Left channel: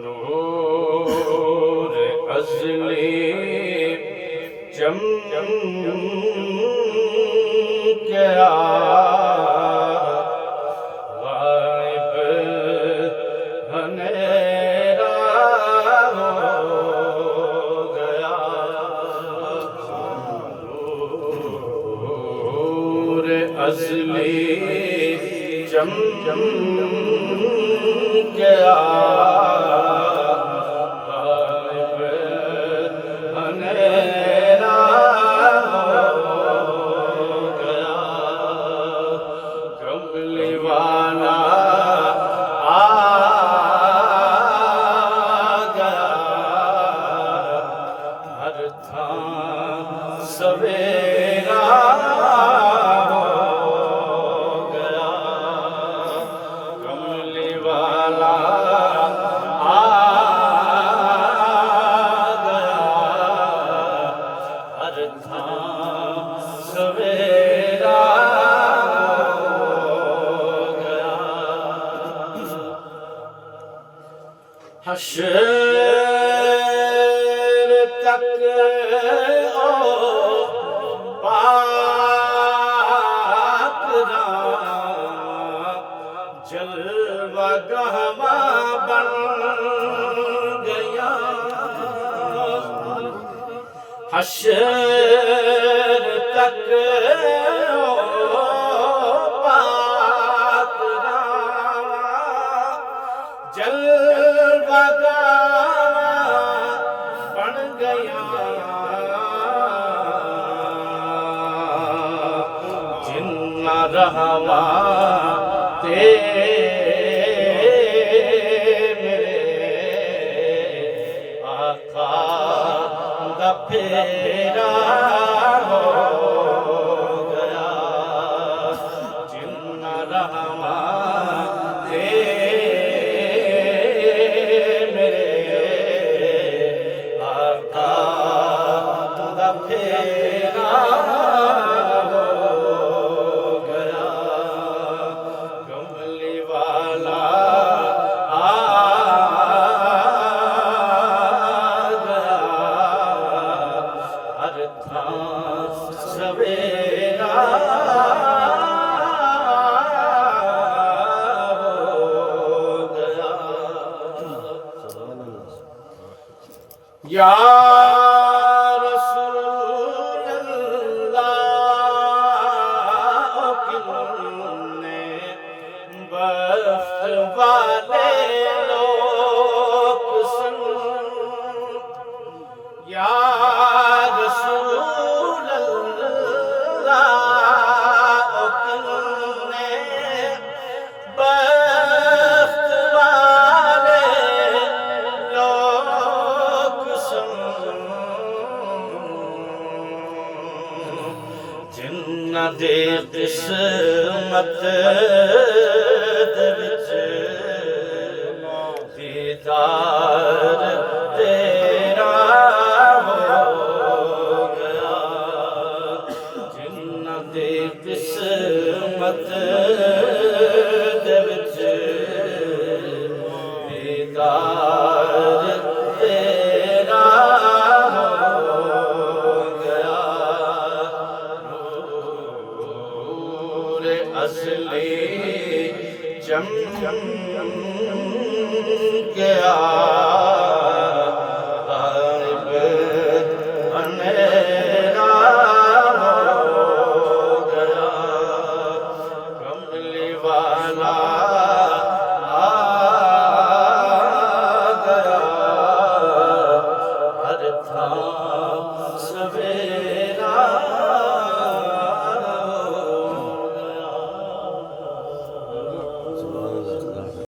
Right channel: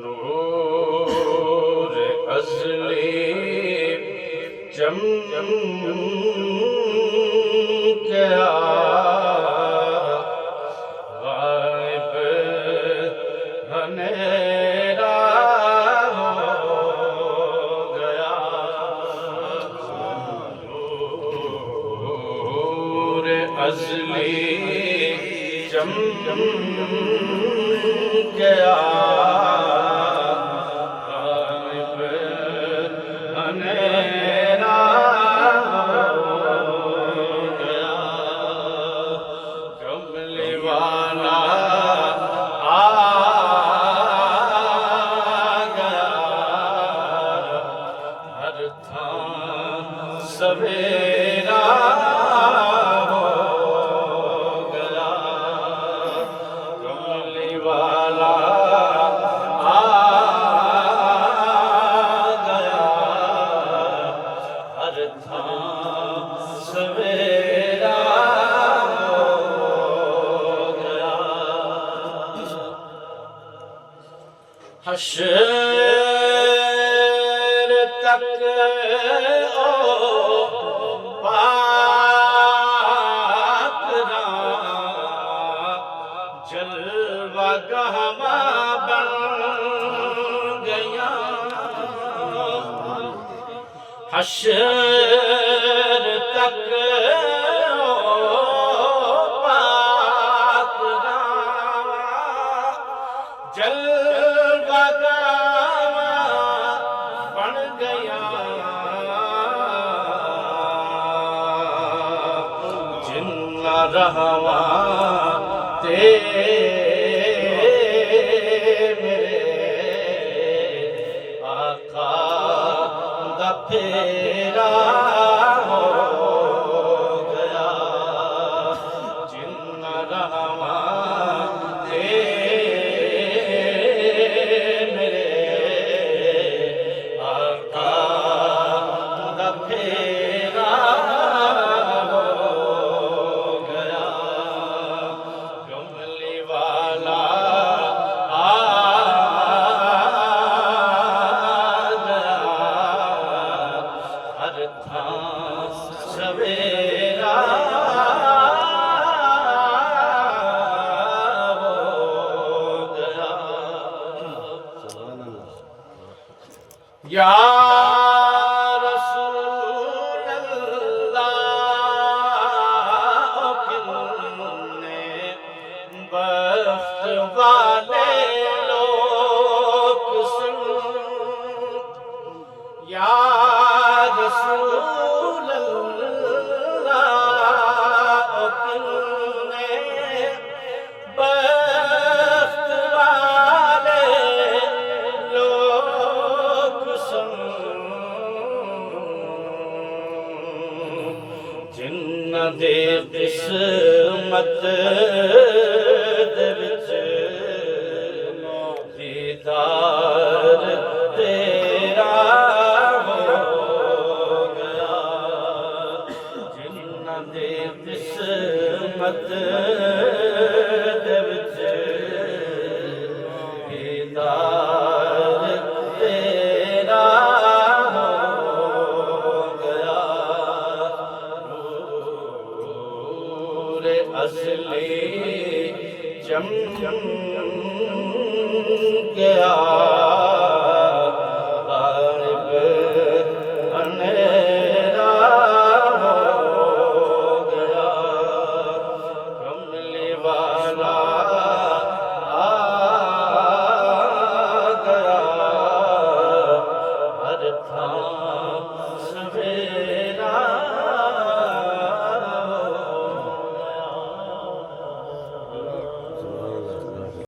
नूर अज़ली चमकिया गायब अंधेरा हो गया। नूर अज़ली चमकिया गायब अंधेरा हो गया। कमली वाला आ गया, हर थां सवेरा हो गया। कमली वाला आ गया, हर थां सवेरा हो गया। हश्र तक ओ पाक जलवा बन गया। हश्र तक ओ पाक जलवा बन गया। जिन्ना रहवा मेरे आका दा फेरा हो गया। जिन्ना रहवा मेरे आका दा फेरा हो गया। कमली वाला आ गया, हर थां सवेरा हो गया। या रसूल अल्लाह, कितने बख्त वाले लोग सुन। या रसूल अल्लाह, कितने बख्त वाले लोग सुन। जिन्ना दे किस्मत दे विच दीदार तेरा हो गया। जिन्ना दे किस्मत दे विच दीदार तेरा हो गया। नूर अज़ली चमकिया गायब अंधेरा हो गया। कमली वाला